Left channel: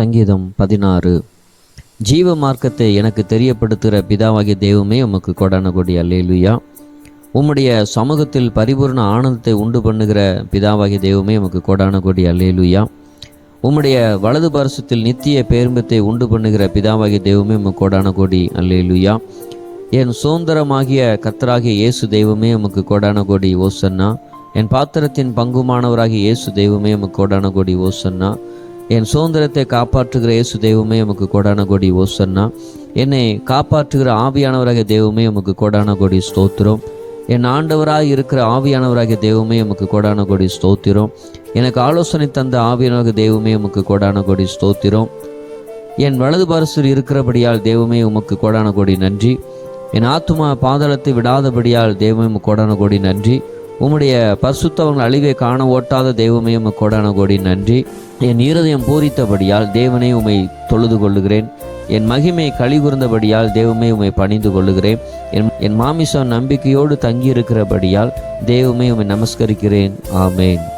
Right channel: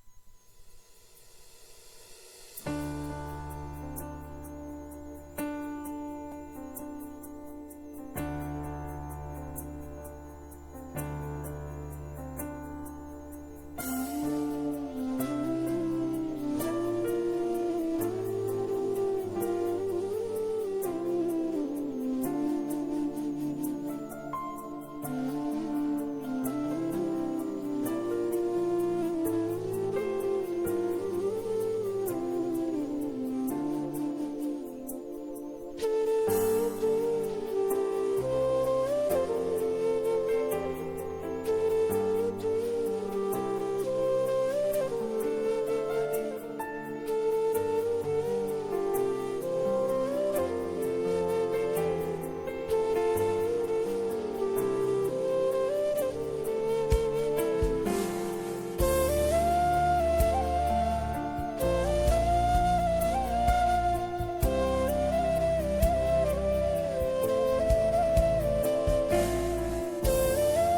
சங்கீதம் பதினாறு. ஜீவ மார்க்கத்தை எனக்கு தெரியப்படுத்துகிற பிதாவாகிய தெய்வமே உமக்கு கொடான கொடி. அல்லேலுயா. உம்முடைய சமூகத்தில் பரிபூர்ண ஆனந்தத்தை உண்டு பண்ணுகிற பிதாவாகிய தெய்வமே உமக்கு கொடான கொடி. அல்லேலுயா. உம்முடைய வலது பரிசத்தில் நித்திய பேரும்பத்தை உண்டு பண்ணுகிற பிதாவாகிய தெய்வமே உமக்கு கொடான கொடி. அல்லேலுயா. என் சுதந்திரமாகிய கத்தராகிய இயேசு தெய்வமே உமக்கு கொடான கொடி. ஓசன்னா. என் பாத்திரத்தின் பங்குமானவராகிய இயேசு தெய்வமே உமக்கு கொடான கொடி. ஓசன்னா. என் சுதந்திரத்தை காப்பாற்றுகிற இயேசு தெய்வமே உமக்கு கொடான கொடி ஓசன்னா என்னை காப்பாற்றுகிற ஆவியானவராக தெய்வமே உமக்கு கொடான கொடி ஸ்தோத்திரம். என் ஆண்டவராக இருக்கிற ஆவியானவராக தெய்வமே உமக்கு கொடான கொடி ஸ்தோத்திரம். எனக்கு ஆலோசனை தந்த ஆவியானவராக தெய்வமே உமக்கு கொடான கொடி ஸ்தோத்திரம். என் வலது பரிசில் இருக்கிறபடியால் தெய்வமே உமக்கு கொடான கொடி நன்றி. என் ஆத்துமா பாதாளத்தை விடாதபடியால் தெய்வமே உமக்கு கொடான கொடி நன்றி. உம்முடைய பரிசுத்தவங்கள் அழிவை காண ஓட்டாத தெய்வமே உமக்கு கோடான கோடி நன்றி. என் இருதயம் பூரித்தபடியால் தேவனே உமை தொழுது கொள்ளுகிறேன். என் மகிமை கழிவுர்ந்தபடியால் தெய்வமே உமை பணிந்து கொள்ளுகிறேன். என் என் மாமிசம் நம்பிக்கையோடு தங்கியிருக்கிறபடியால் தெய்வமே உமை நமஸ்கரிக்கிறேன். ஆமேன்.